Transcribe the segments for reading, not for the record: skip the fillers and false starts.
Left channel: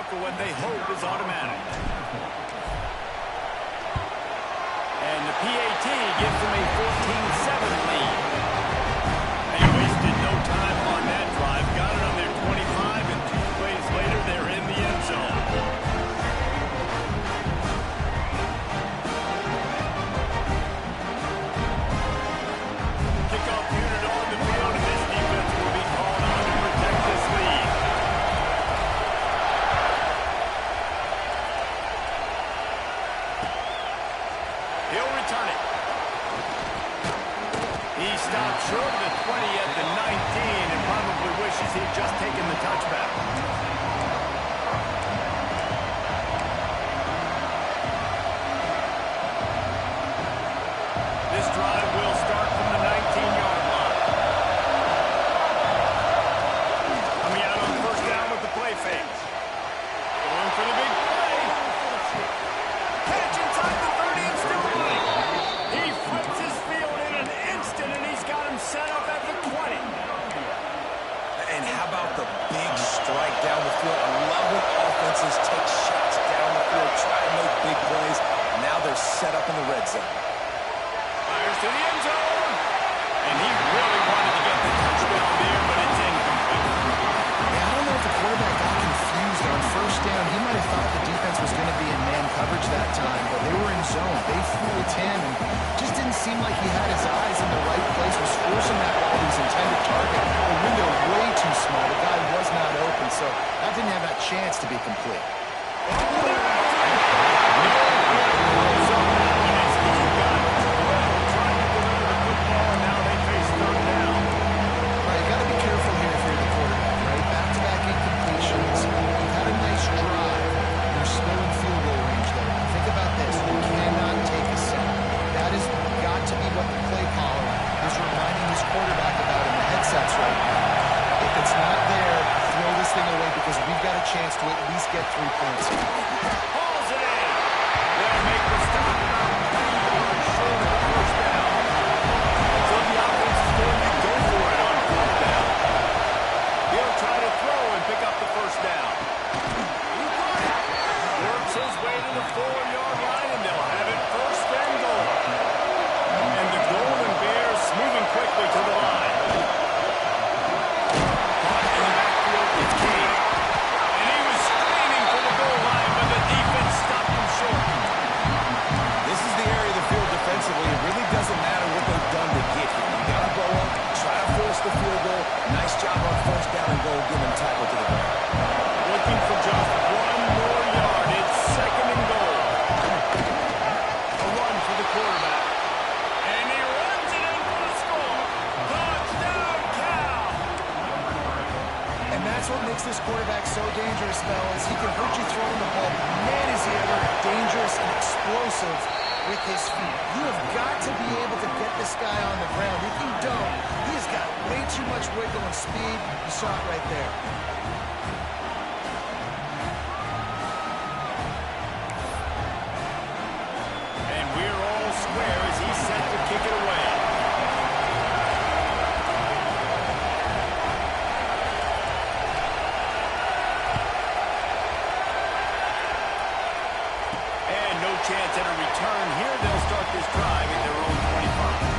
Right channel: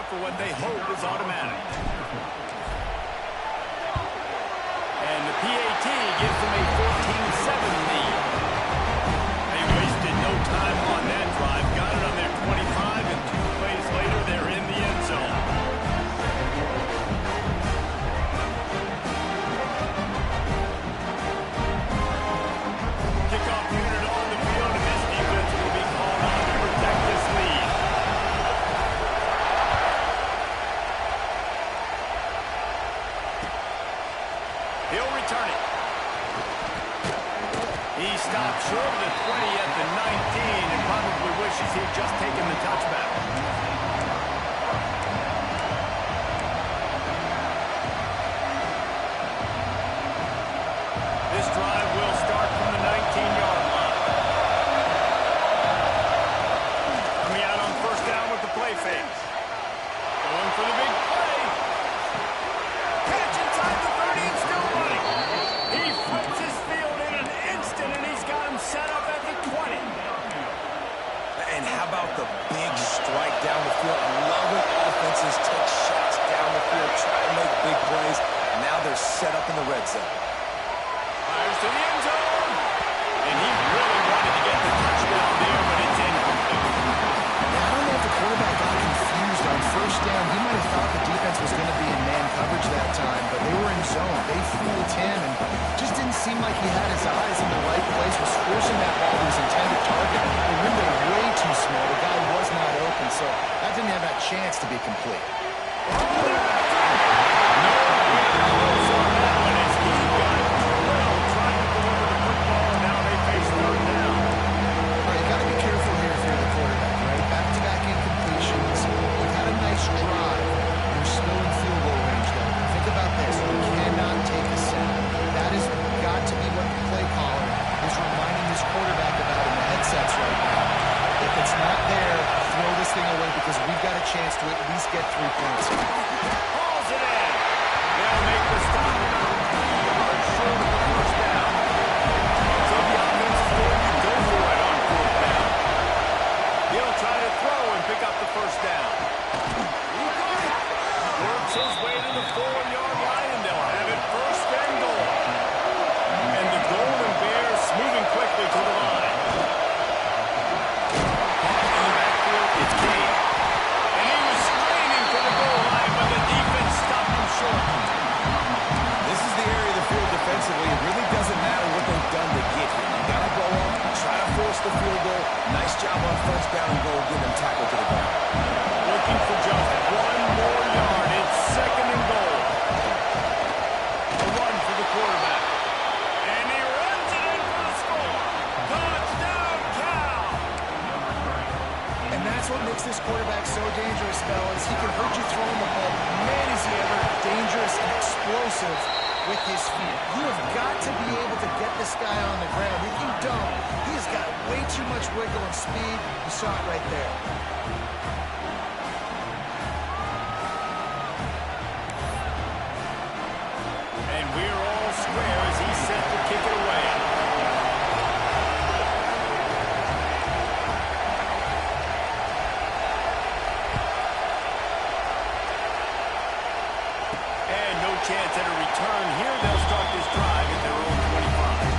up for what they hope is automatic. And the PAT gives them a 14-7 lead. They wasted no time on that drive. Got it on their 25, and 2 plays later, they're in the end zone. Kickoff unit on the field, and this defense will be called on to protect this lead. He'll return it. He stopped short of the 20 at the 19 and probably wishes he'd just taken the touchback. This drive will start from the 19-yard line. Coming out on first down with the play fake. Going for the big play. Catch inside the 30 and still running. He flips his field in an instant, and he's got him set up at the 20. And how about the big strike down the field? I love when offenses take shots down the field, try to make big plays. Now they're set up in the red zone. Fires to the end zone. And he really wanted to get the touchdown there, but it's incomplete. Yeah, I don't know if the quarterback got confused on first down. He might have thought the defense was going to be in man coverage that time, but they were in zone. They fooled him and just didn't seem like he had his eyes in the right place, was forcing that ball to his intended target. The window way too small. The guy was not open, so that didn't have that chance to be complete. Oh, they're after him. Nowhere close on that one as he got drilled trying to deliver the football, and now they face third down. All right, you got to be careful here if you're the quarterback, right? Back-to-back incompletions. You've had a nice drive. You're still in field goal range, though. Think about this. You cannot take a sack. That has got to be what the play caller is reminding his quarterback about in the headsets right now. If it's not there, throw this thing away because we've got a chance to at least get 3 points here. Hauls it in. They'll make the stop about 3 yards short of the first down. So the offense is going to go for it on fourth down. He'll try to throw and pick up the first down. He got it. Works his way to the 4-yard line, and they'll have it first and goal. And the Golden Bears moving quickly to the line. Caught in the backfield, it's Cade. And he was straining for the goal line, but the defense stopped him short. This is the area of the field defensively. It really doesn't matter what they've done to get here. You got to go up, try to force the field goal. Nice job on first down and goal, get them tackled to the ground. Looking for just 1 more yard. It's second and goal. A run for the quarterback. And he runs it in for the score. Touchdown, Cal! And that's what makes this quarterback so dangerous, fellas. He can hurt you throwing the ball. Man, is he ever dangerous and explosive with his feet. You have got to be able to get this guy on the ground. If you don't, he has got way too much wiggle and speed. You saw it right there. And we're all square as he's set to kick it away. And no chance at a return here. They'll start this drive at their own 25.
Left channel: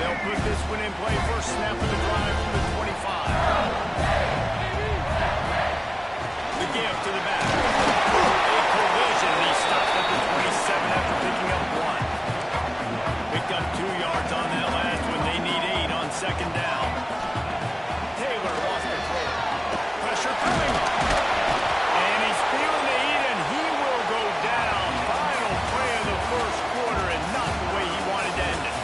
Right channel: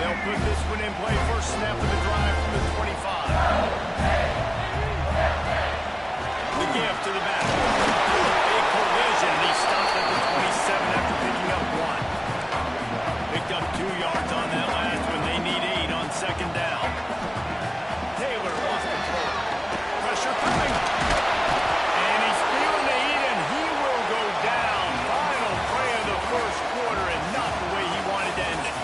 They'll put this one in play. First snap of the drive from the 25. The give to the back. A collision, and he stopped at the 27 after picking up 1. Picked up 2 yards on that last one. They need 8 on second down. Taylor lost control. Pressure coming. And he's feeling the heat, and he will go down. Final play of the first quarter, and not the way he wanted to end it.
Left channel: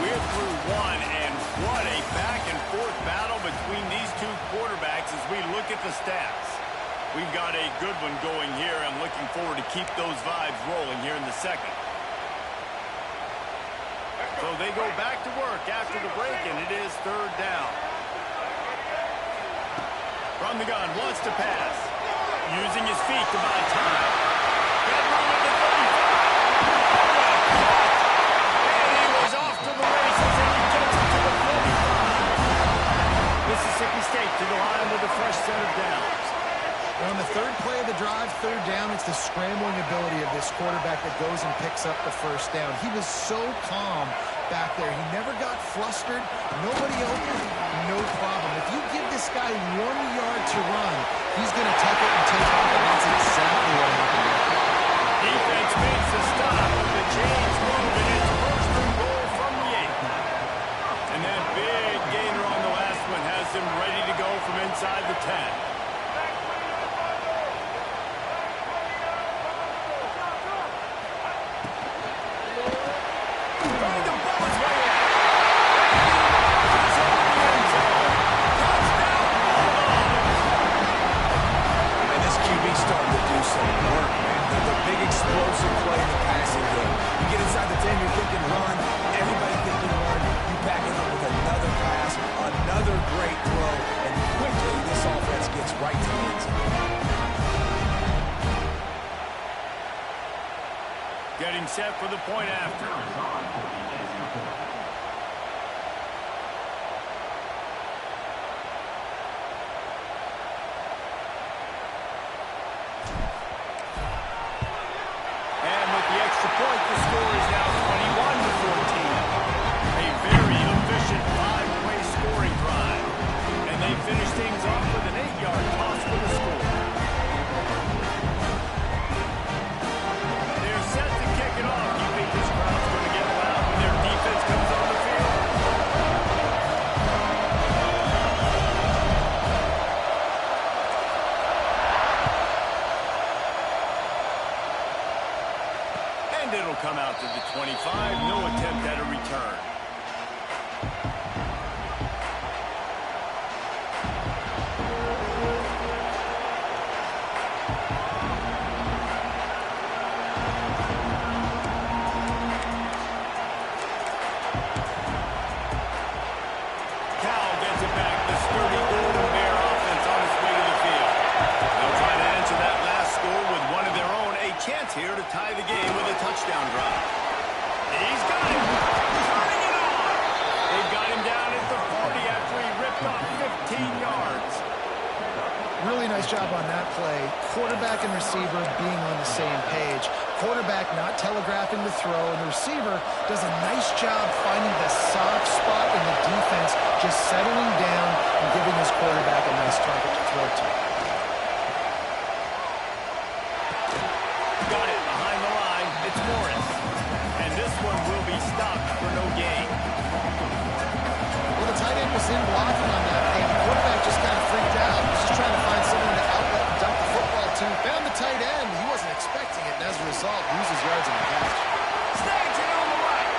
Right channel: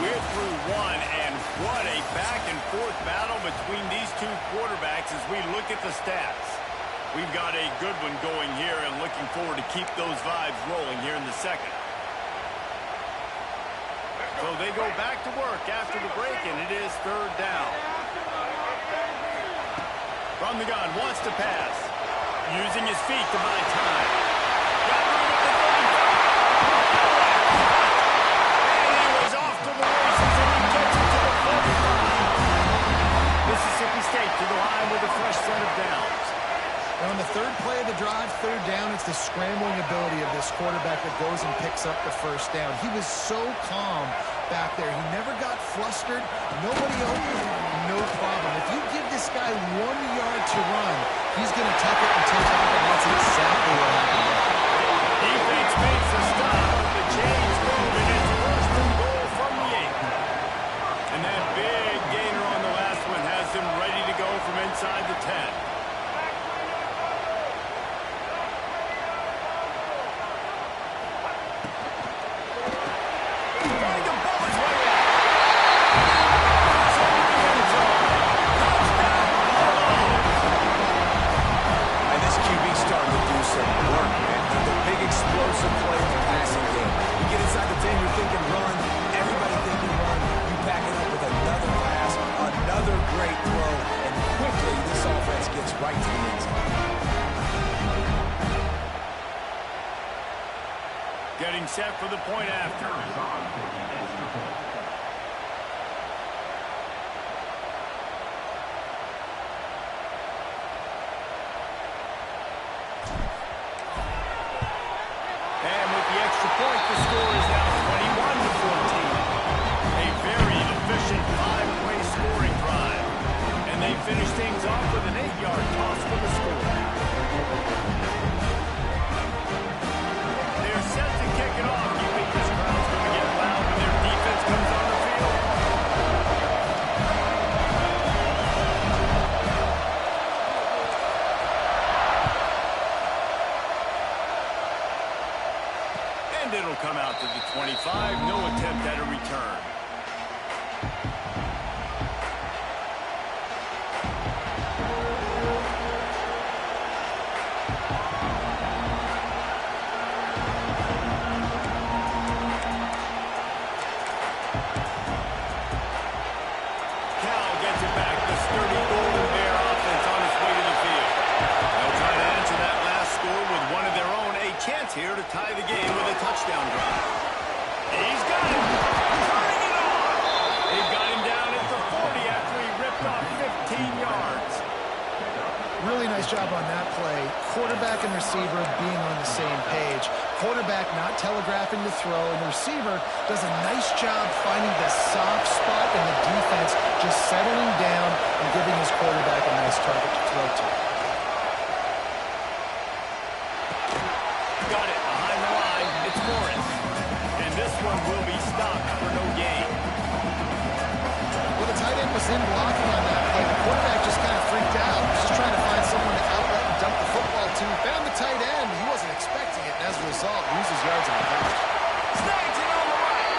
We're through 1, and what a back-and-forth battle between these two quarterbacks as we look at the stats. We've got a good one going here, and looking forward to keep those vibes rolling here in the second. So they go back to work after the break, and it is third down. From the gun, wants to pass. Using his feet to buy time. Got room at the 35. Oh, what a cut! And he was off third down, it's the scrambling ability of this quarterback that goes and picks up the first down. He was so calm back there. He never got flustered. Nobody open, no problem. If you give this guy 1 yard to run, he's going to tuck it and take off, and that's exactly what happened there. Defense makes the stop, but the chains move, and it's first and goal from the 8. And that big gainer on the last one has them ready to go from inside the 10. Explosive play in the passing game. You get inside the 10, you're thinking run. Everybody thinking run. You back it up with another pass, another great throw, and quickly this offense gets right to the end zone. Getting set for the point after. And with the extra point, the score is now 21-14. A very efficient 5-play scoring drive. And they finish things off with an 8-yard toss for the score. They're set to kick it off. You think this crowd's going to get loud when their defense comes on the field? And it'll come out to the 25. No attempt at a return. Cal gets it back. The sturdy Golden Bear offense on its way to the field. They'll try to answer that last score with one of their own. A chance here to tie the game with a touchdown drive. He's got it. Turning it on. They've got him down at the 40 after he ripped off 15 yards. Really nice job on that play. Quarterback and receiver being on the same page. Quarterback not telegraphing the throw, and the receiver does a nice job finding the soft spot in the defense, just settling down and giving his quarterback a nice target to throw to. Got it behind the line. It's Morris. And this one will be stopped for no gain. Well, the tight end was in blocking on that play. The quarterback just kind of freaked out. He was just trying to find someone to outlet and dump the football to. Found the tight end. He wasn't expecting it, and as a result, loses yards in the catch. Snags it on the right.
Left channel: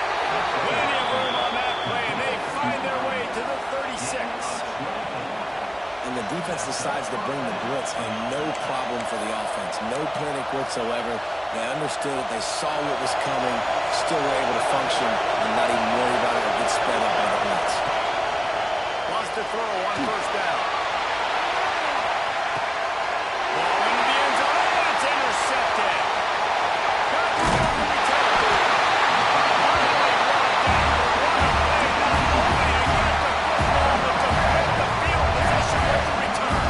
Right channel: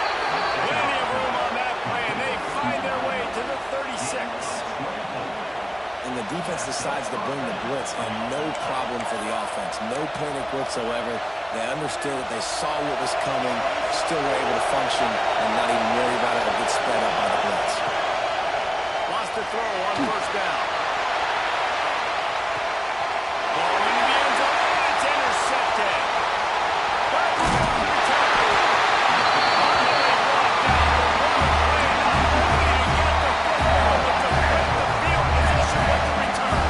Plenty of room on that play, and they find their way to the 36. And the defense decides to bring the blitz, and no problem for the offense. No panic whatsoever. They understood it. They saw what was coming, still were able to function, and not even worry about it or get sped up by the blitz. Lost the throw on first down. Ball into the end zone, and it's intercepted. Back to the return. Finally brought down, but what a play, not only to get the football, but to put the field position with the return.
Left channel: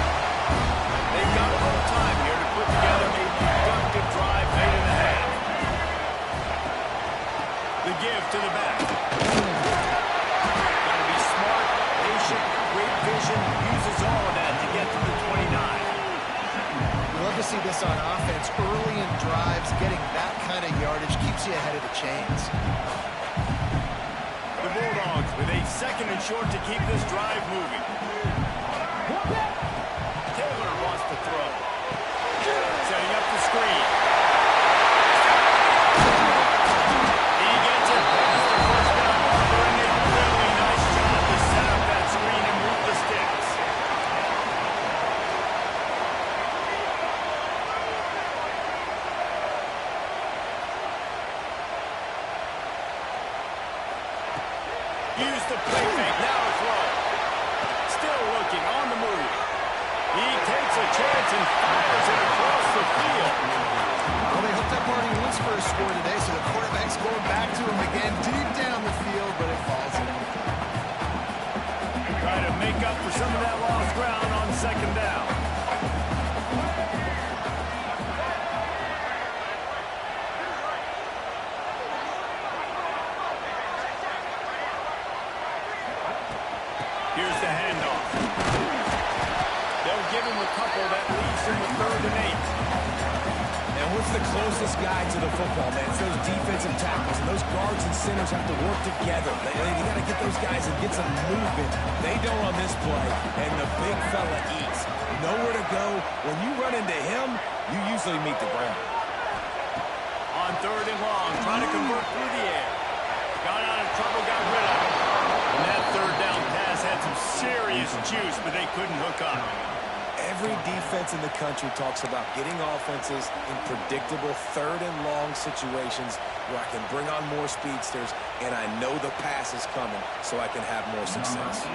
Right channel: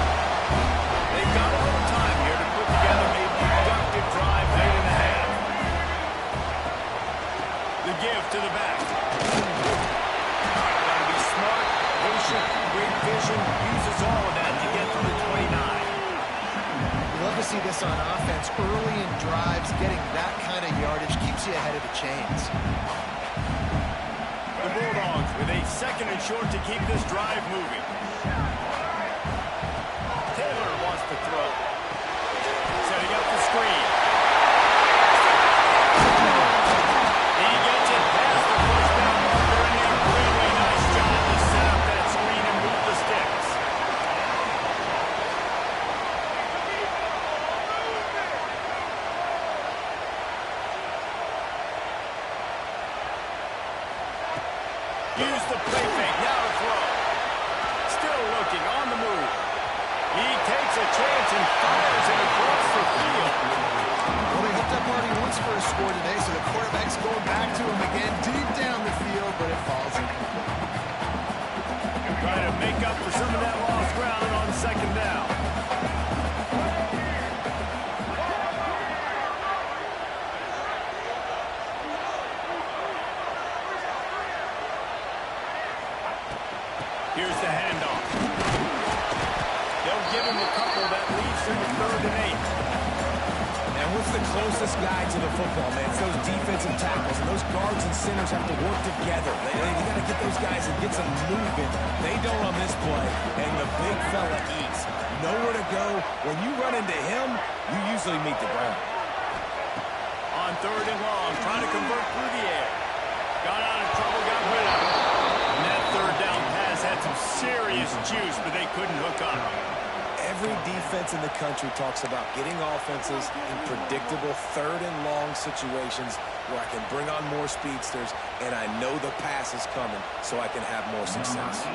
They've got a little time here to put together a productive drive late in the half. The give to the back. Got to be smart, patient, great vision, uses all of that to get to the 29. We love to see this on offense. Early in drives, getting that kind of yardage keeps you ahead of the chains. The Bulldogs with a second and short to keep this drive moving. Taylor wants to throw. Setting up the screen. He gets it past the first down marker, and a really nice job to set up that screen and move the sticks. Use the play fake, now to throw. Still looking, on the move. He takes a chance and fires it across the field. Well, they hooked up Marty once for a score today, so the quarterback's going back to him again, deep down the field, but it falls in. Trying to make up for some of that lost ground on second down. Here's the handoff. They'll give him a couple. That leaves him with 3rd and 8. And what's the closest guy to the football, man? It's those defensive tackles, and those guards and centers have to work together. They got to get those guys and get some movement. They don't on this play, and the big fella eats. Nowhere to go. When you run into him, you usually meet the ground. On 3rd and long, trying to convert through the air. Got out of trouble, got rid of it. And that 3rd down pass had some serious juice, but they couldn't hook up. Every defense in the country talks about getting offenses in predictable 3rd and long situations where I can bring on more speedsters and I know the pass is coming so I can have more success.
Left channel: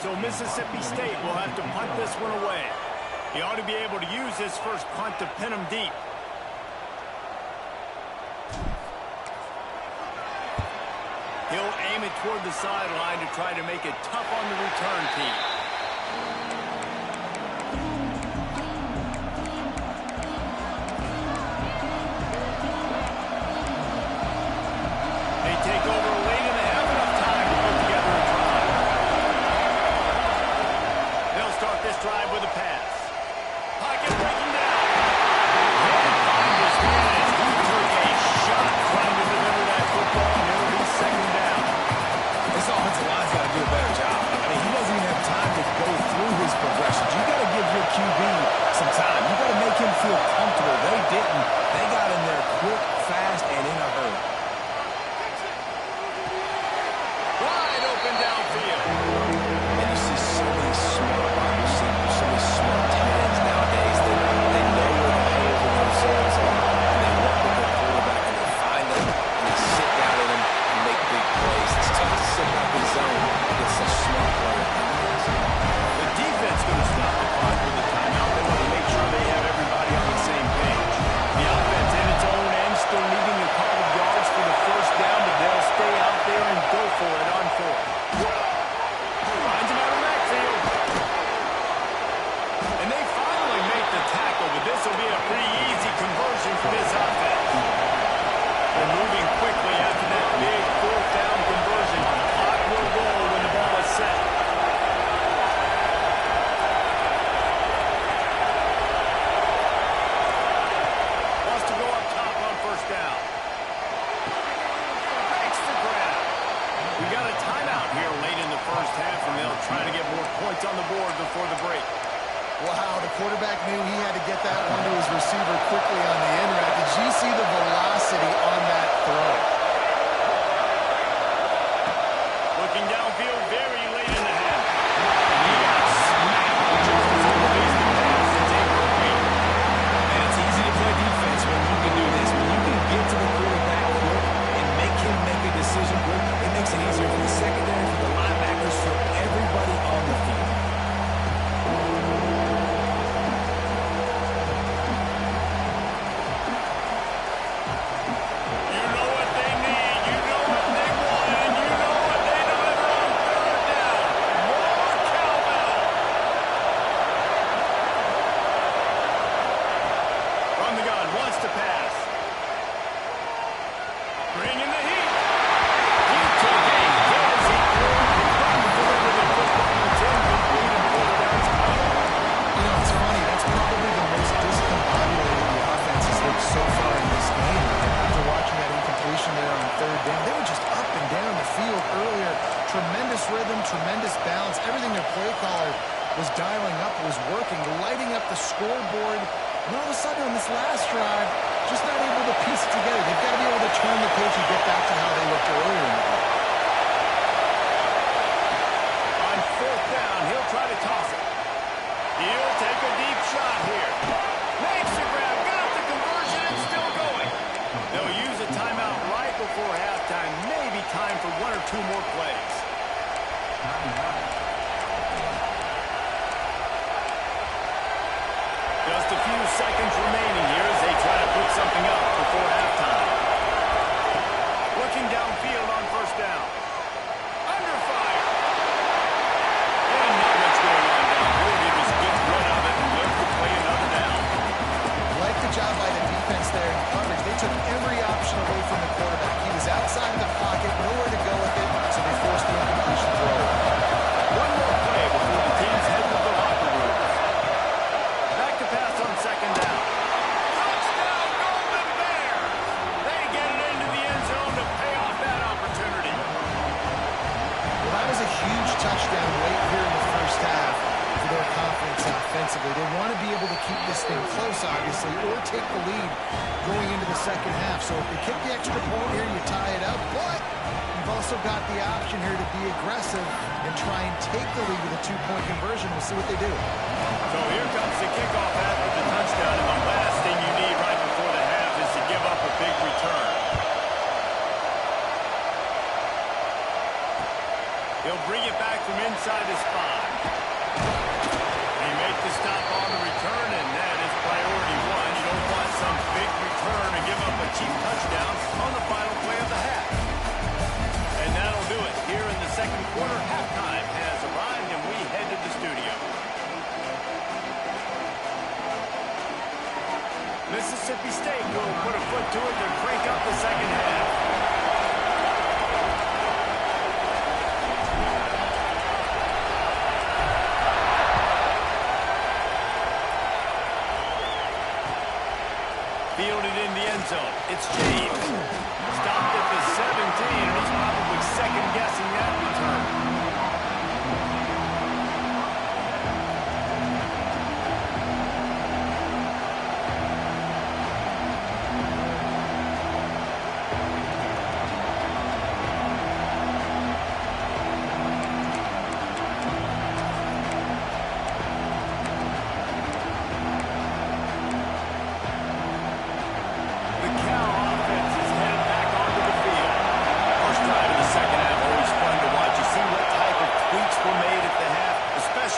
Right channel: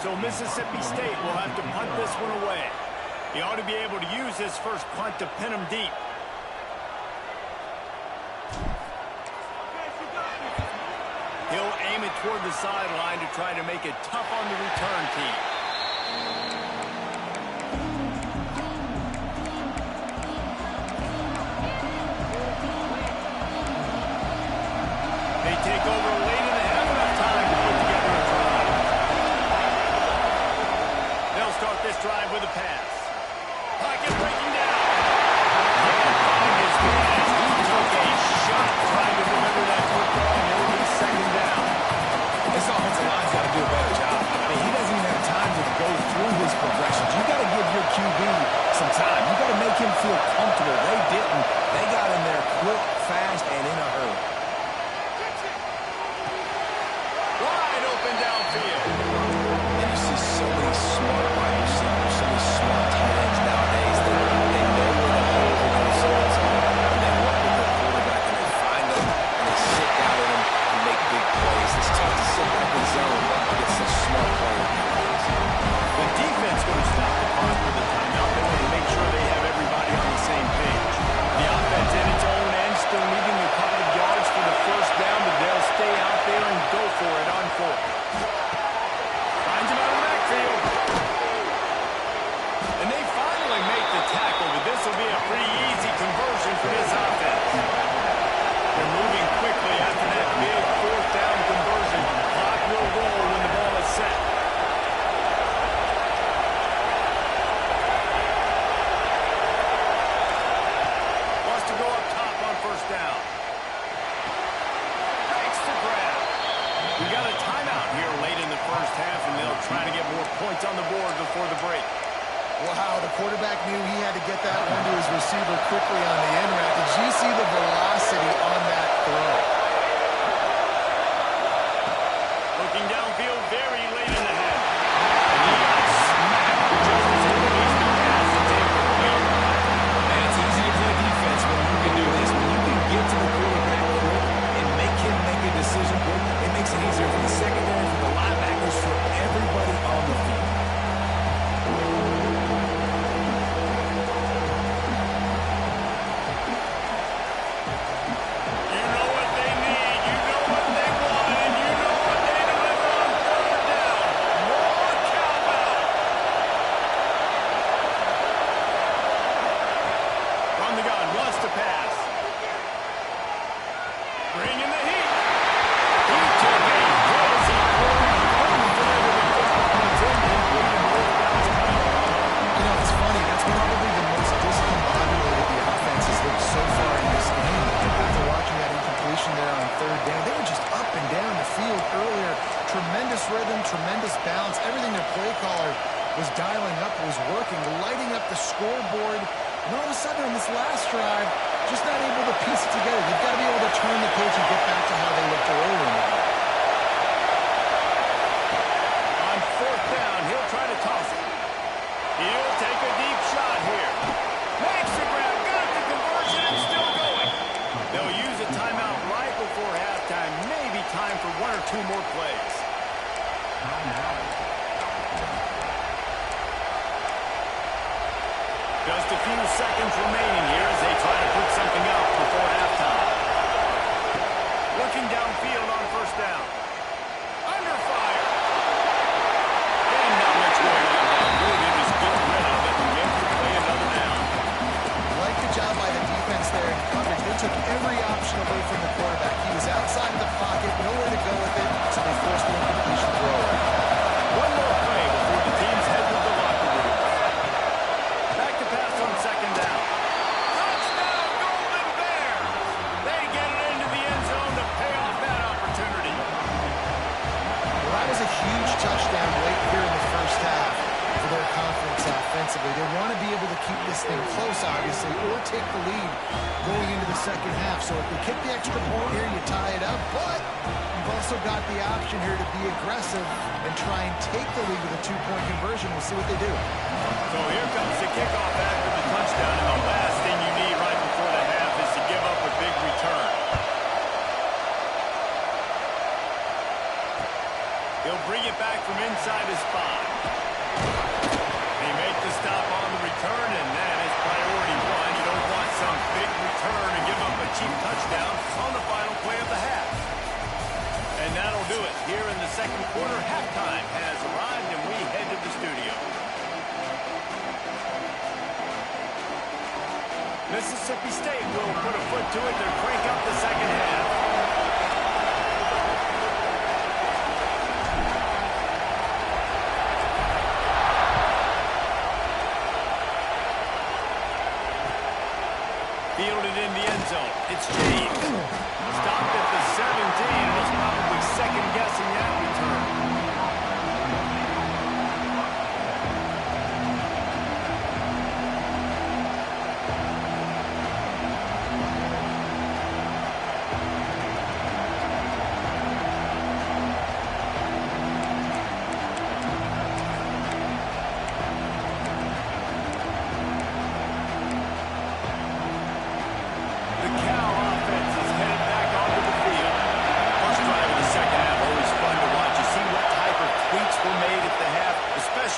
So Mississippi State will have to punt this one away. He ought to be able to use his first punt to pin him deep. He'll aim it toward the sideline to try to make it tough on the return team. They take over late in the half, enough time to put together a drive. They'll start this drive with a pass. Pocket breaking down. Can't find his man as he took a shot trying to deliver that football, and it'll be 2nd down. This offensive line's got to do a better job. I mean, he doesn't even have time to go through his progressions. You got to give your QB some time. You got to make him feel comfortable. They didn't. They got in there quick, fast, and in a hurry. Wide open downfield. And you see so many smart wide receivers, so many smart tight ends nowadays that they know where the holes in those zones are, and they work with their quarterback, and they find them, and they sit down in them and make big plays. It's tough to sit back in zone against such smart players. The defense going to stop the clock with the timeout. They want to make sure they have everybody on the same page. The offense in its own end, still needing a couple of yards for the 1st down, but they'll stay out there and go for it on 4th. Finds him out of the backfield. And they finally make the tackle, but this will be a pretty easy conversion for this offense. They're moving quickly after that big 4th down conversion. Clock will roll when the ball is set. Wants to go up top on 1st down. Makes the grab. We got a timeout here late in the 1st half, and they'll try to get more points on the board before the break. Wow, the quarterback knew he had to get that one to his receiver quickly on the end route. Did you see the velocity on that throw? Looking downfield very late in the half. And he got smacked just as he released the pass. It's incomplete. Man, it's easy to play defense when you can do this. When you can get to the quarterback quick and make him make a decision quick, it makes it easier for the secondary, for the linebackers, for everybody on the field. Wants to pass. Bring in the heat. He took a hit as he couldn't deliver the football. It's incomplete and 4th down to go. You know, it's funny. That's probably the most discombobulated the offense has looked so far in this game. After watching that incompletion there on 3rd down, they were just up and down the field earlier. Tremendous rhythm, tremendous balance. Everything their play caller was dialing up was working, lighting up the scoreboard. And all of a sudden on this last drive, just not able to piece it together. They've got to be able to turn the page and get back to how they looked earlier in the game. On 4th down, he'll try to toss it. He'll take a deep shot here. Makes the grab, got the conversion, and still going. They'll use a timeout right before halftime. Maybe time for 1 or 2 more plays. Just a few seconds remaining here as they try to put something up before halftime. Looking downfield on 1st down. Under fire. And not much going on downfield. He just gets rid of it and lives to play another down. Like the job by the defense there in coverage. They took every option away from the quarterback. He was outside of the pocket, nowhere to go with it, so they forced the incompletion throw. One more that was a huge touchdown late here in the first half for their confidence offensively. They want to be able to keep this thing close, obviously, or take the lead going into the second half. So if they kick the extra point here, you tie it up. But you've also got the option here to be aggressive and try and take the lead with a two-point conversion. We'll see what they do. So here comes the kickoff after the touchdown, and the last thing you need right before the half is to give up a big return. He'll bring it back from inside his 5. He made the stop on the return, and that is priority 1. You don't want some big return and give up a cheap touchdown on the final play of the half. And that'll do it. Here in the second quarter, halftime has arrived, and we head to the studio. Mississippi State will put a foot to it to crank up the second half. Fielded in the end zone. It's James. Stopped at the 17, and he's probably second-guessing that return.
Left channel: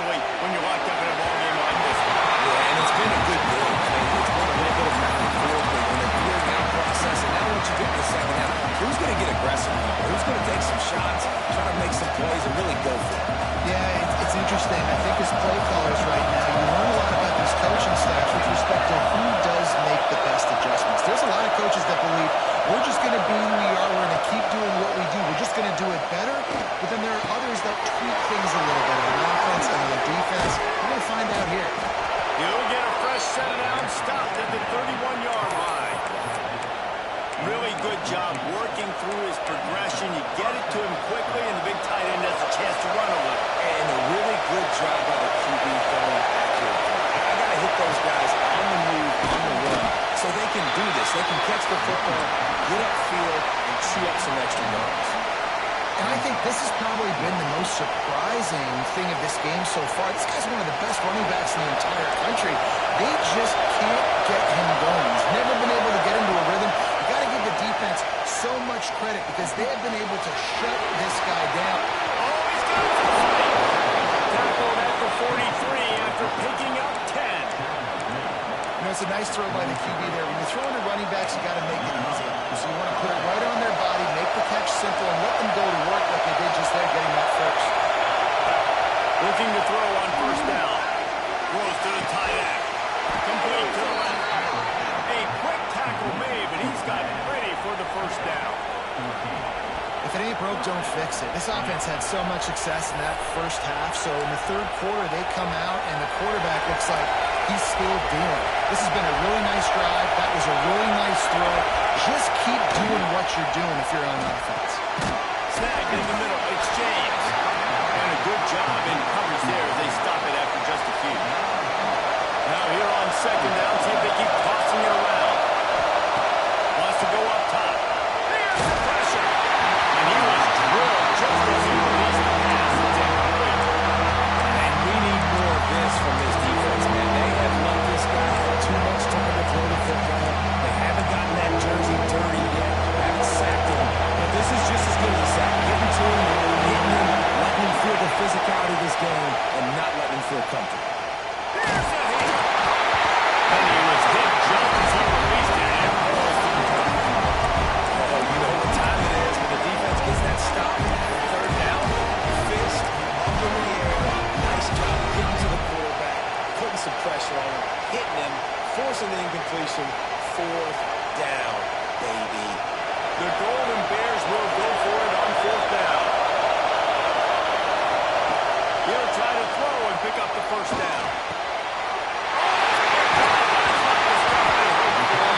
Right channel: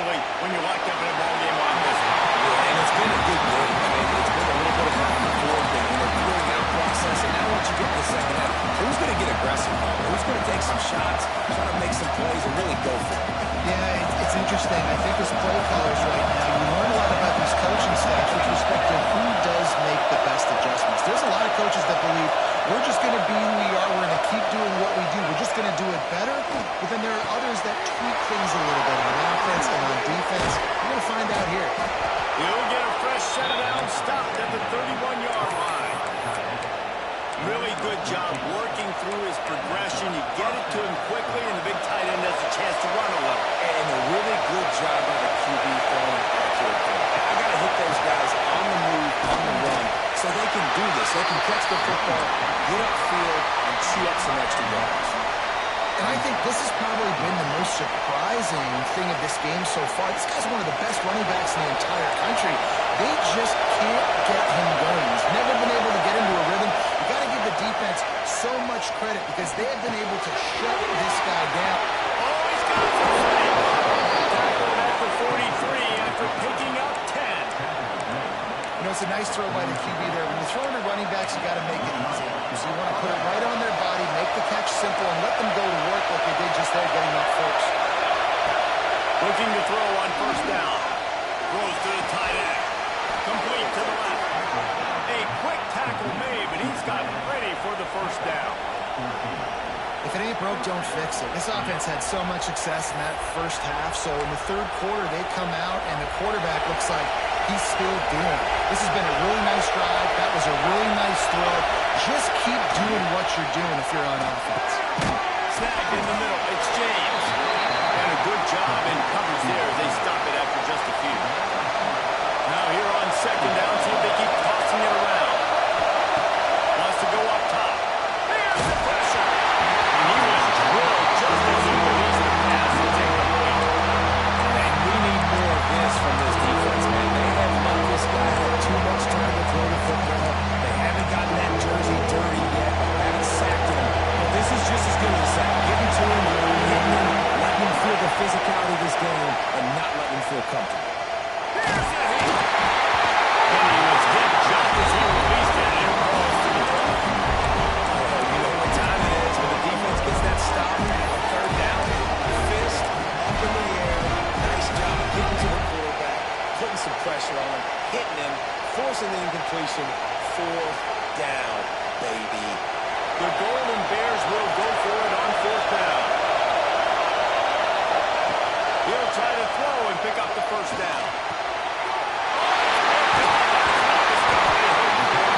When you're locked up in a ball game like this one. Yeah, and it's been a good game. I mean, it's been a little bit of back and forth in the feeling out process, and now once you get in the second half, who's going to get aggressive now? Who's going to take some shots, try to make some plays, and really go for it? Yeah, it's interesting. I think as play callers right now, you learn a lot about these coaching staffs with respect to who does make the best adjustments. There's a lot of coaches that believe we're just going to be who we are. We're going to keep doing what we do. We're just going to do it better. But then there are others that tweak things a little bit on offense and on defense. We're going to find out here. He'll get a fresh set down, stopped at the 31-yard line. Really good job working through his progression. You get it to him quickly, and the big tight end has a chance to run a little. And a really good job by the QB throwing an accurate throw. I got to hit those guys on the move, on the run, so they can do this. They can catch the football, get upfield, and chew up some extra yards. And I think this has probably been the most surprising thing of this game so far. This guy's one of the best running backs in the entire country. They just can't get him going. He's never been able to get into a rhythm. You got to give the defense so much credit because they have been able to shut this guy down. Oh, he's got some space. Tackled at the 43 after picking up 10. You know, it's a nice throw by the QB there. When you throw into running backs, you got to make it easy. So you want to put it right on their body, make the catch simple, and let them go to work like they did just there, getting up first. Looking to throw on first down. Throws to the tight end. Complete to the left. A quick tackle made, but he's got ready for the first down. If it ain't broke, don't fix it. This offense had so much success in that first half, so in the third quarter, they come out, and the quarterback looks like he's still dealing. This has been a really nice drive. That was a really nice throw. Just keep doing what you're doing if you're on offense. Snagged in the middle. It's James. And a good job in coverage there as they stop it after just a few. Now here on second down, see if they keep tossing it around. Wants to go up top. There's the pressure. And he was drilled just as he released the pass. It's incomplete. And we need more of this from this defense, man. They have let this guy have too much time to throw the football. They haven't gotten that jersey dirty yet. Haven't sacked him. But this is just as good as a sack. Getting to him, hitting him, letting him feel the physicality of this game, and not letting him feel comfortable. Here's the hit. And he was hit just as he released it, and it falls to the turf. Oh, you know what time it is when the defense gets that stop on third down. Fist up in the air. Nice job getting to the quarterback, putting some pressure on him, hitting him, forcing the incompletion. Fourth down, baby. The Golden Bears will go for it on fourth down. He'll try to throw and pick up the first down. That's not the stop they hoped for.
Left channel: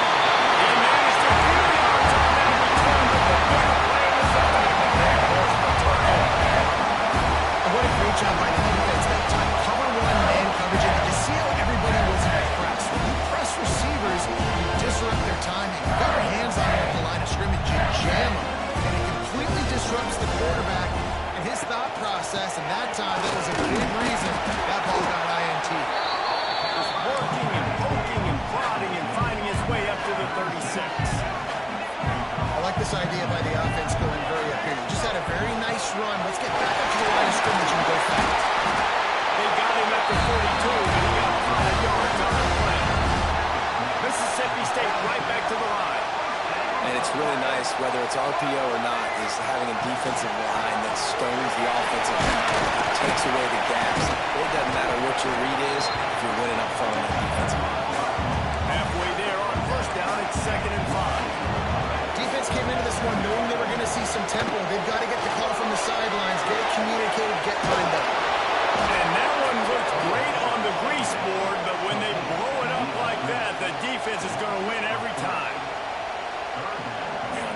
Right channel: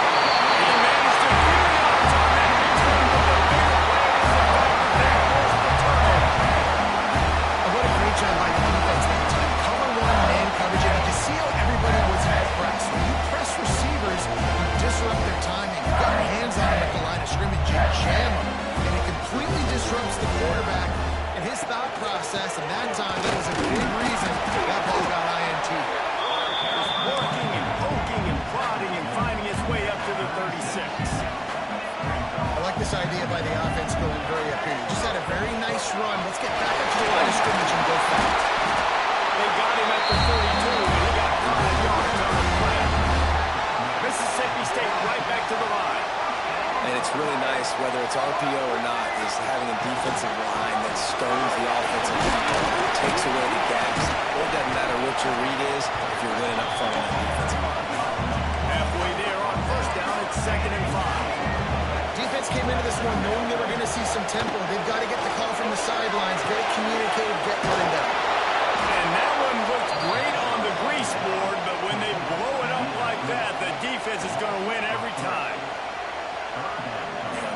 He managed a few yards on that return, but the bigger play was the fact that they forced the turnover. scrimmage, you jam him, and it completely disrupts the quarterback and his thought process, and that time, that was a big reason that ball got INT. Just working and poking and prodding and finding his way up to the 36. I like this idea by the offense going very up here. You just had a very nice run. Let's get back up to the line of scrimmage and go fast. They got him at the 42, but he got 5 yards on the play. Mississippi State right back to the line. And it's really nice, whether it's RPO or not, is having a defensive line that stones the offensive line, takes away the gaps. It doesn't matter what your read is if you're winning up front on that defensive line. Halfway there on first down, it's 2nd and 5. Defense came into this one knowing they were going to see some tempo. They've got to get the call from the sidelines, get it communicated, get lined up. And that one looks great on the grease board, but when they blow it up like that, the defense is going to win every time.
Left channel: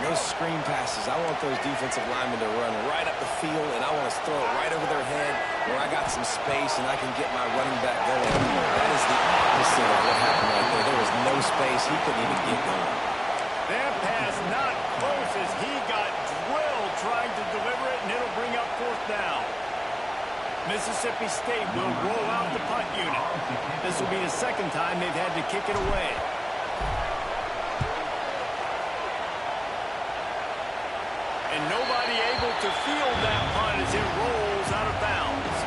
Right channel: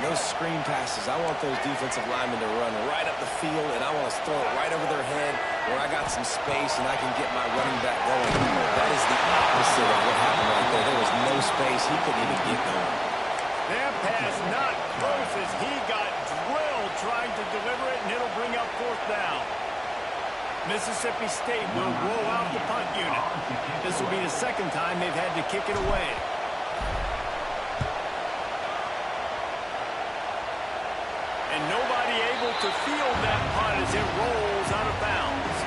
Those screen passes, I want those defensive linemen to run right up the field, and I want to throw it right over their head where I got some space and I can get my running back going. That is the opposite of what happened right there. There was no space. He couldn't even get going. That pass not close as he got drilled trying to deliver it, and it'll bring up 4th down. Mississippi State will roll out the punt unit. This will be the 2nd time they've had to kick it away. And nobody able to field that punt as it rolls out of bounds.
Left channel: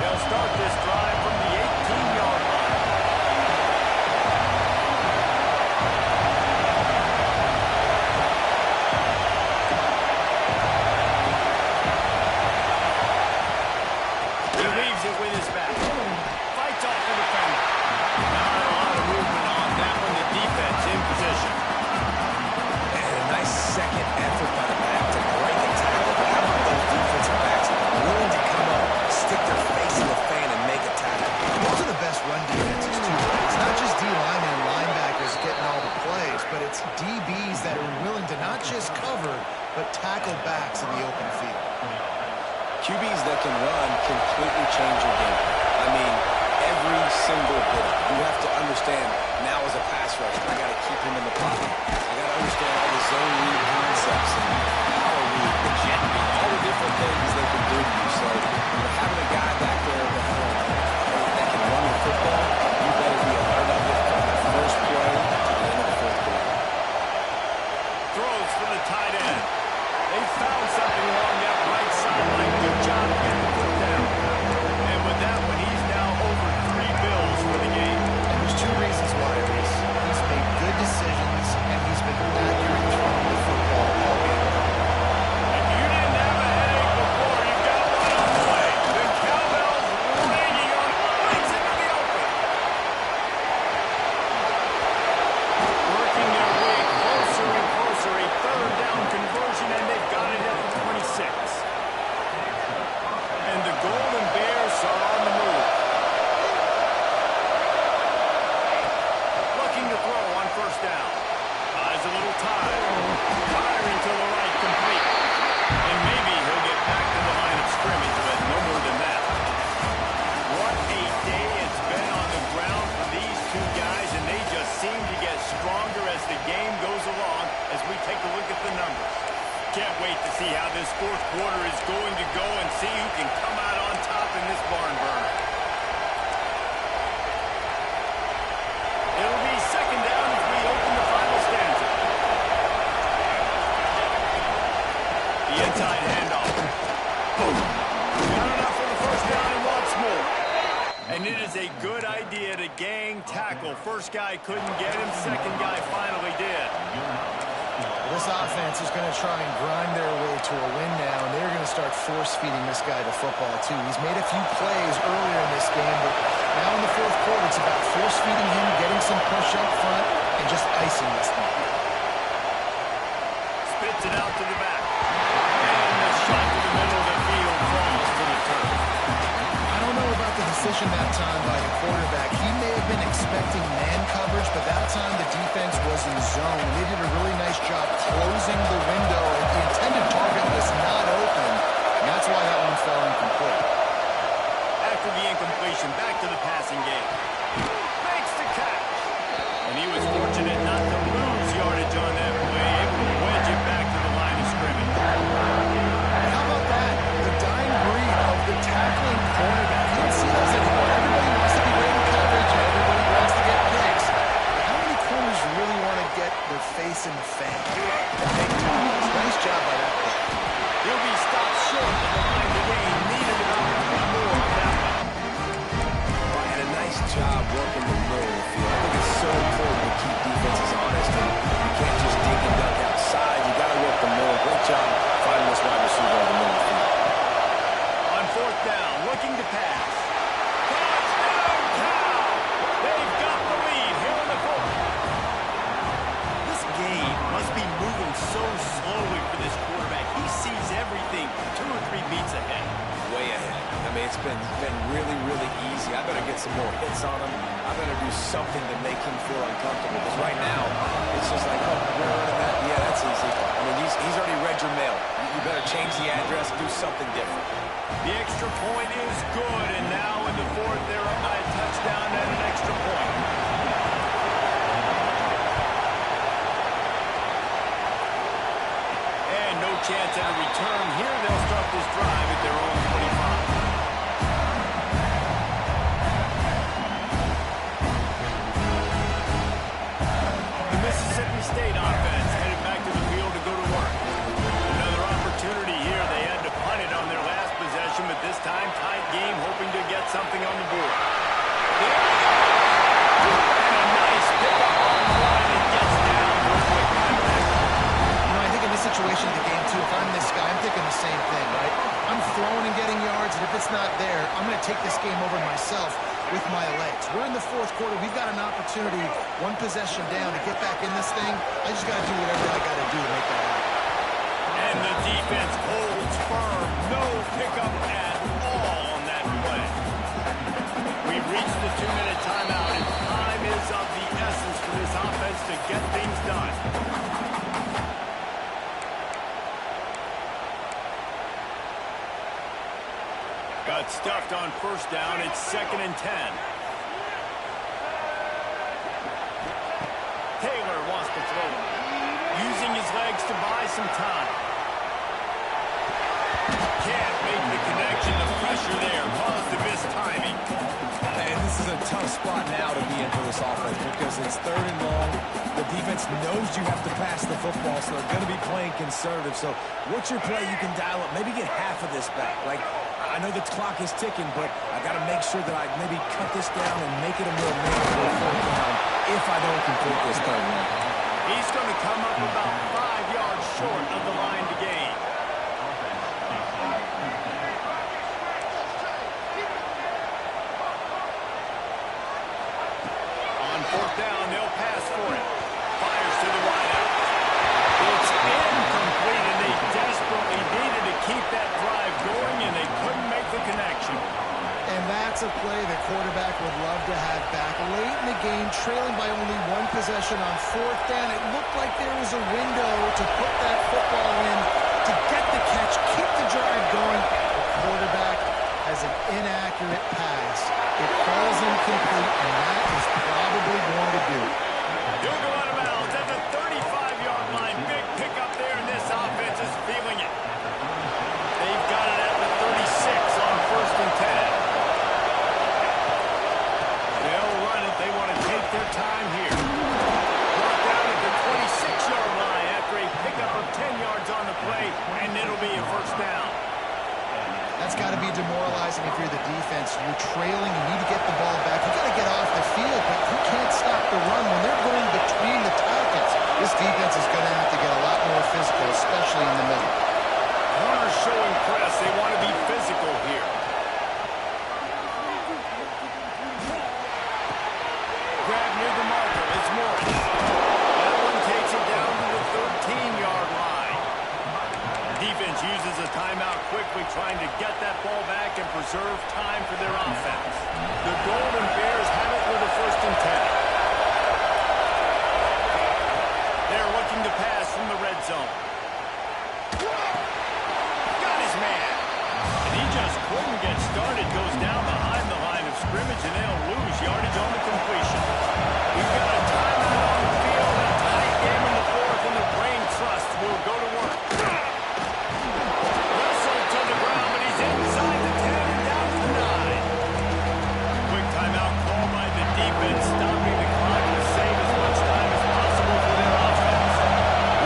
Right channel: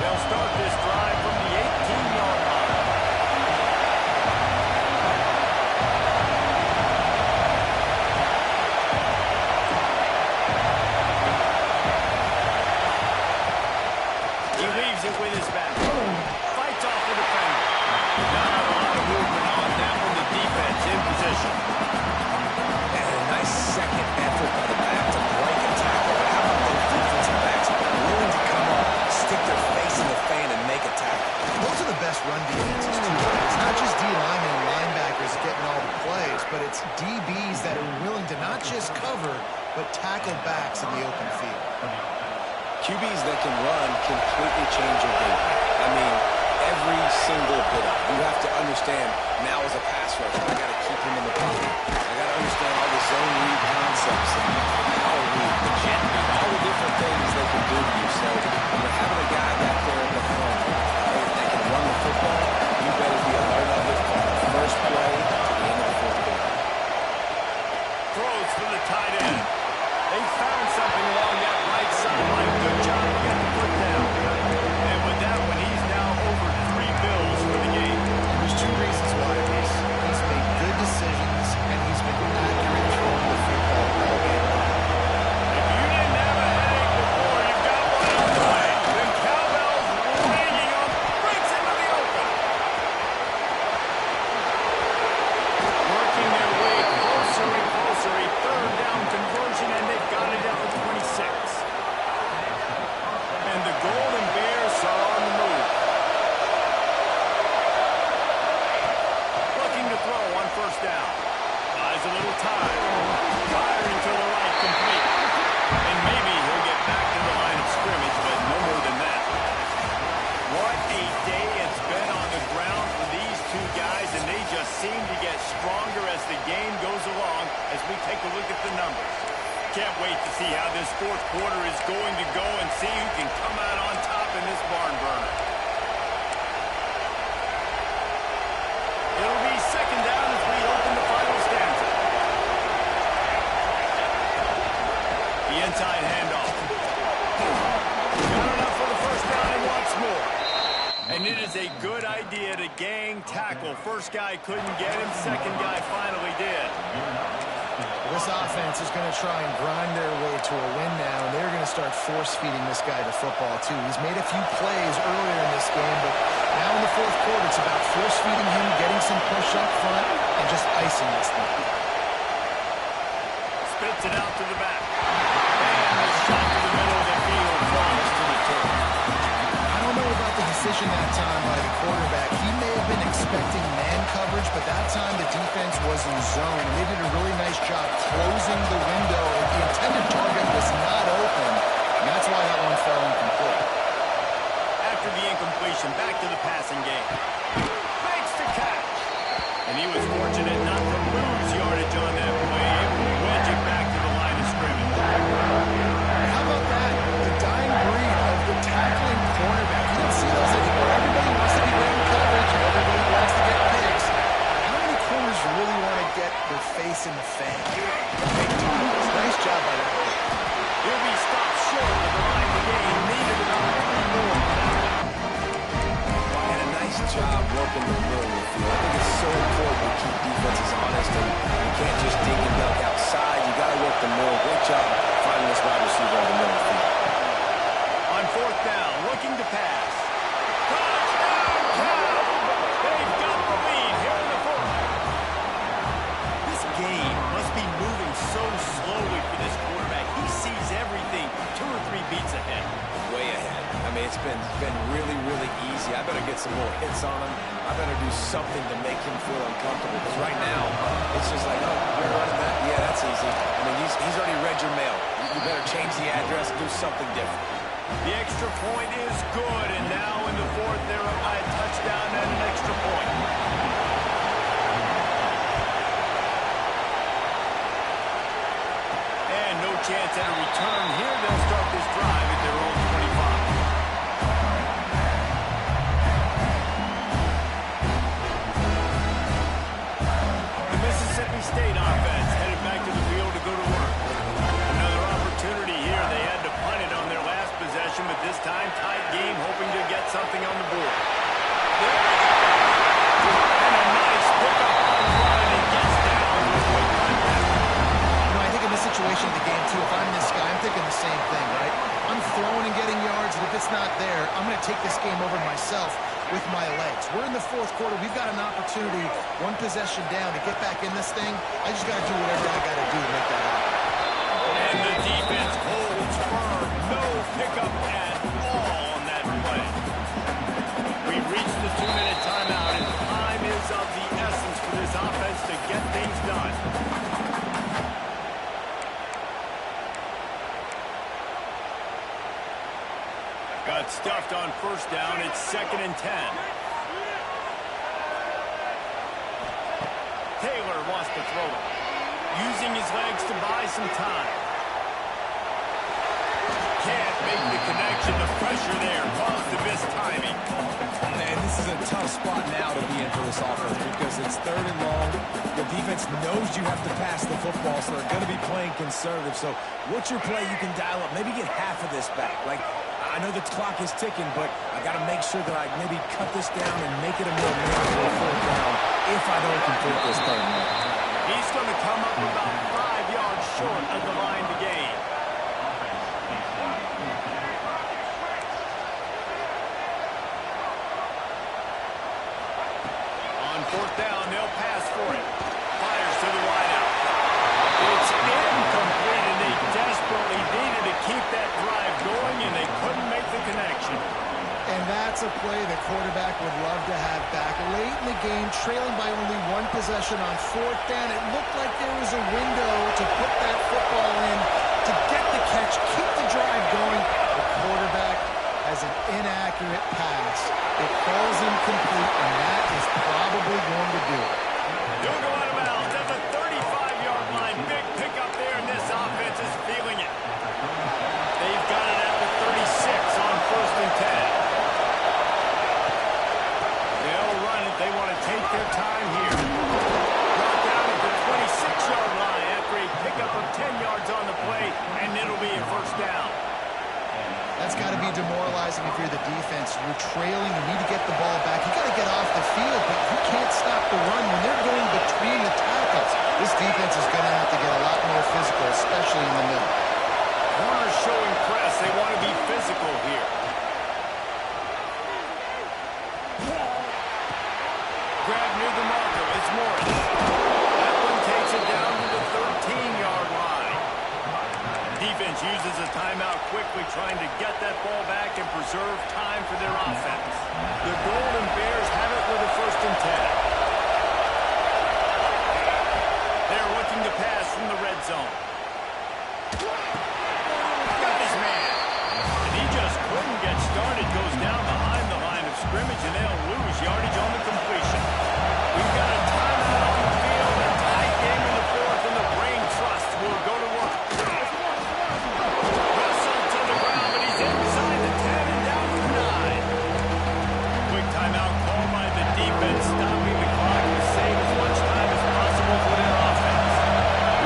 They'll start this drive from the 18-yard line. With his back. Fights off the defender. Not a lot of movement on that one. The defense in position. And a nice second effort by the back to break a tackle. But how about those defensive backs willing to come up, stick their face in the fan, and make a tackle? Those are the best run defenses, too. Right? It's not just D-linemen and linebackers getting all the plays, but it's DBs that are willing to not just cover, but tackle backs in the open field. QBs that can run completely change your game. I mean, every single bit of it. You have to understand, now as a pass rusher, I got to keep him in the pocket. I got to understand all the zone read concepts and power read, the jet read, all the different things they can do to you. So, having a guy back there at the helm that can run the football, you better be alert of it from the first play to the end of the 4th quarter. Throws for the tight end. They found something along that right sideline. Good job to get the foot down. And with that one, he's now over 3 bills for the game. And there's 2 reasons why, Reese. He's made good decisions, and he's been accurate throwing the football all game long. If you didn't have a headache before, you've got one on the way. The cowbell's ringing on, breaks into the open. Working their way closer and closer. A 3rd down conversion, and they've got it at the 26. And the Golden Bears are on the move. Looking to throw on 1st down. Buys a little time. Firing to the right, complete. And maybe he'll get back to the line of scrimmage, but no more than that. What a day it's been on the ground for these 2 guys, and they just seem to get stronger as the game goes along as we take a look at the numbers. Can't wait to see how this 4th quarter is going to go and see who can come out on top in this barn burner. It'll be 2nd down as we open the final stanza. The inside handoff. Boom. Got enough for the 1st down and wants more. And it is a good idea to gang tackle. First guy couldn't get him. 2nd guy finally did. This offense is going to try and grind their way to a win now, and they're going to start force-feeding this guy the football, too. He's made a few plays earlier in this game, but now in the 4th quarter, it's about force-feeding him, getting some push up front, and just icing this thing. Spits it out to the back. And the shot to the middle of the field falls to the turf. I don't know about the decision decision that time by the quarterback. He may have been expecting man coverage, but that time the defense was in zone, and they did a really nice job closing the window. The intended target was not open, and that's why that one fell incomplete. After the incompletion, back to the passing game. Makes the catch. And he was fortunate not to lose yardage on that play, able to wedge it back to the line of scrimmage. How about that? The dying breed of the tackling cornerback. You don't see those anymore. Everybody wants to be great in coverage. Everybody wants to get picks. But how many corners really want to get their face in the fan? Big tackles. Nice job by that pick. He'll be stopped short of the line to gain. Needed about 3 more on that one. And a nice job working the middle of the field. I think it's so important to keep defenses honest, and you can't just dig and dunk outside. You got to work the middle. Great job finding this wide receiver over the middle of the field. On 4th down, looking to pass. Touchdown, Cal! They've got the lead here in the 4th. This game must be moving so slowly for this quarterback. He sees everything 2 or 3 beats ahead. Way ahead. I mean, it's been really, really easy. I better get some more hits on him. I better do something to make him feel uncomfortable, because right now, it's just like, oh, you're running that? Yeah, that's easy. I mean, he's already read your mail. You better change the address, do something different. The extra point is good, and now in the 4th, they're up by a touchdown and an extra point. And no chance at a return here. They'll start this drive at their own 25. The Mississippi State offense headed back to the field to go to work. Another opportunity here. They had to punt it on their last possession, but this time tight game, hoping to get something on the board. There he goes! And a nice pickup on the run, and gets down to avoid contact. I think in this situation of the game, too, if I'm this guy, I'm thinking the same thing, right? I'm throwing and getting yards, and if it's not there, I'm going to take this game over myself with my legs. We're in the 4th quarter. We've got an opportunity, 1 possession down, to get back in this thing. I just got to do whatever I got to do to make that happen. And the defense holds firm. No pickup at all on that play. We reached the 2-minute timeout, and time is of the essence for this offense to get things done. Got stuffed on 1st down. It's 2nd and 10. Taylor wants to throw it. Using his legs to buy some time. Can't make the connection. The pressure there caused the missed timing. And this is a tough spot now to be in for this offense, because it's 3rd and long. The defense knows you have to pass the football, so they're going to be playing conservative. So what's your play you can dial up? Maybe get half of this back. Like, I know the clock is ticking, but I got to make sure that I maybe cut this down and make it a more manageable 4th down if I don't complete this 3rd and long. He's going to come up about 5 yards short of the line to gain. On 4th down, they'll pass for it. Fires to the wideout. It's incomplete, and they desperately needed to keep that drive going, and they couldn't make the connection. And that's a play the quarterback would love to have back. Late in the game, trailing by only 1 possession on 4th down, it looked like there was a window to put that football in, to get the catch, keep the drive going. The quarterback has an inaccurate pass. It falls incomplete, and that is probably going to do it. He'll go out of bounds at the 35-yard line. Big pickup there, and this offense is feeling it. They've got it at the 36 on 1st and 10. They'll run it. They want to take their time here. Brought down at the 26-yard line after a pickup of 10 yards on the play, and it'll be a 1st down. That's got to be demoralizing if you're the defense. You're trailing. You need to get the ball back. You got to get off the field, but you can't stop the run when they're going between the tackles. This defense is going to have to get a lot more physical, especially in the middle. Corners showing press. They want to be physical here. Grab near the marker. It's Morris. That one takes it down to the 13-yard line. defense uses a timeout quickly, trying to get that ball back and preserve time for their offense. The Golden Bears have it with a 1st and 10. They're looking to pass from the red zone. Got his man. And he just couldn't get started. Goes down behind the line of scrimmage, and they'll lose yardage on the completion. We've got a timeout on the field, a tight game in the 4th, and the brain trust will go to work. Wrestled to the ground, but he's inside the 10 and down to the 9. Quick timeout called by the defense, stopping the clock to save as much time as possible for their offense.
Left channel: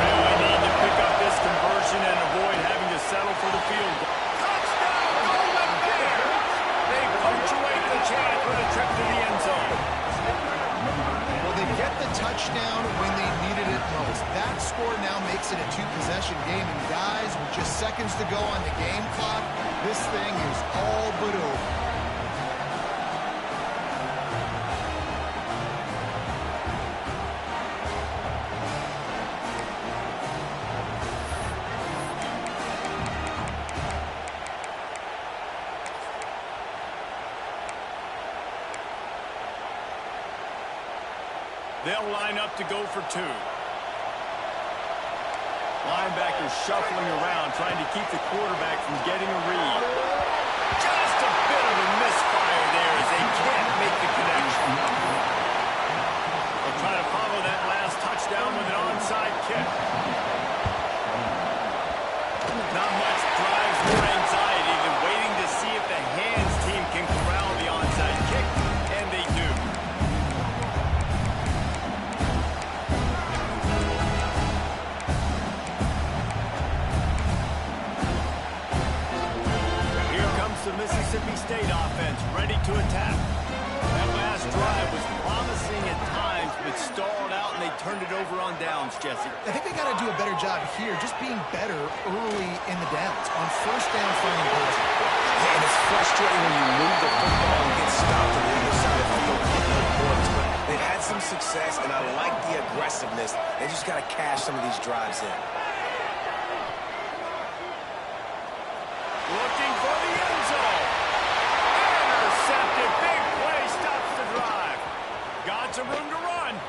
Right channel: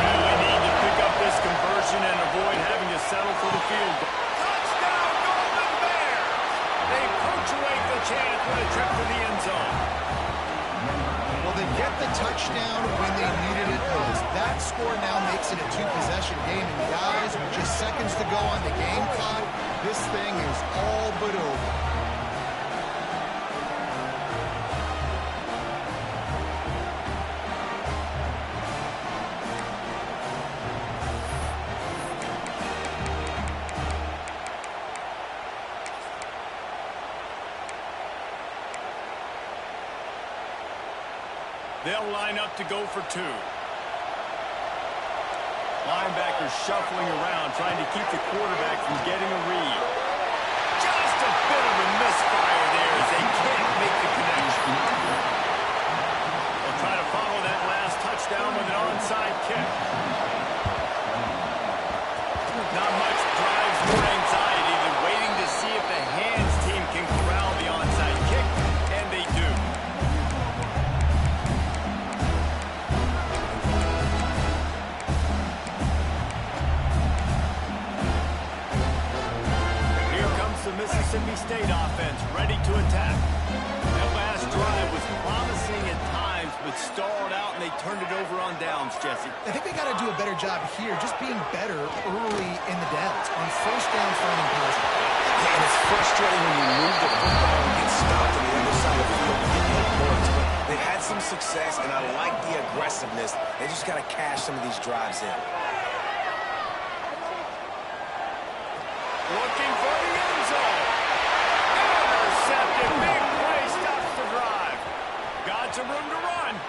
Really need to pick up this conversion and avoid having to settle for the field goal. Touchdown, Golden Bears! They punctuate the chance with a trip to the end zone. Well, they get the touchdown when they needed it most. That score now makes it a 2-possession game. And guys, with just seconds to go on the game clock, this thing is all but over. They'll line up to go for 2. Linebackers shuffling around, trying to keep the quarterback from getting a read. Just a bit of a misfire there as they can't make the connection. They'll try to follow that last touchdown with an onside kick. Not much drives more anxiety than waiting to see if the hands team can corral the onside kick, and they do. The Mississippi State offense ready to attack. That last drive was promising at times, but stalled out, and they turned it over on downs, Jesse. I think they got to do a better job here, just being better early in the downs, on 1st down, finding positive. Yeah, and it's frustrating when you move the football and get stopped on the other side of the field and get no points, but they've had some success, and I like the aggressiveness. They just got to cash some of these drives in. Looking for the end zone. Intercepted. Big play stops the drive. Got some room to run.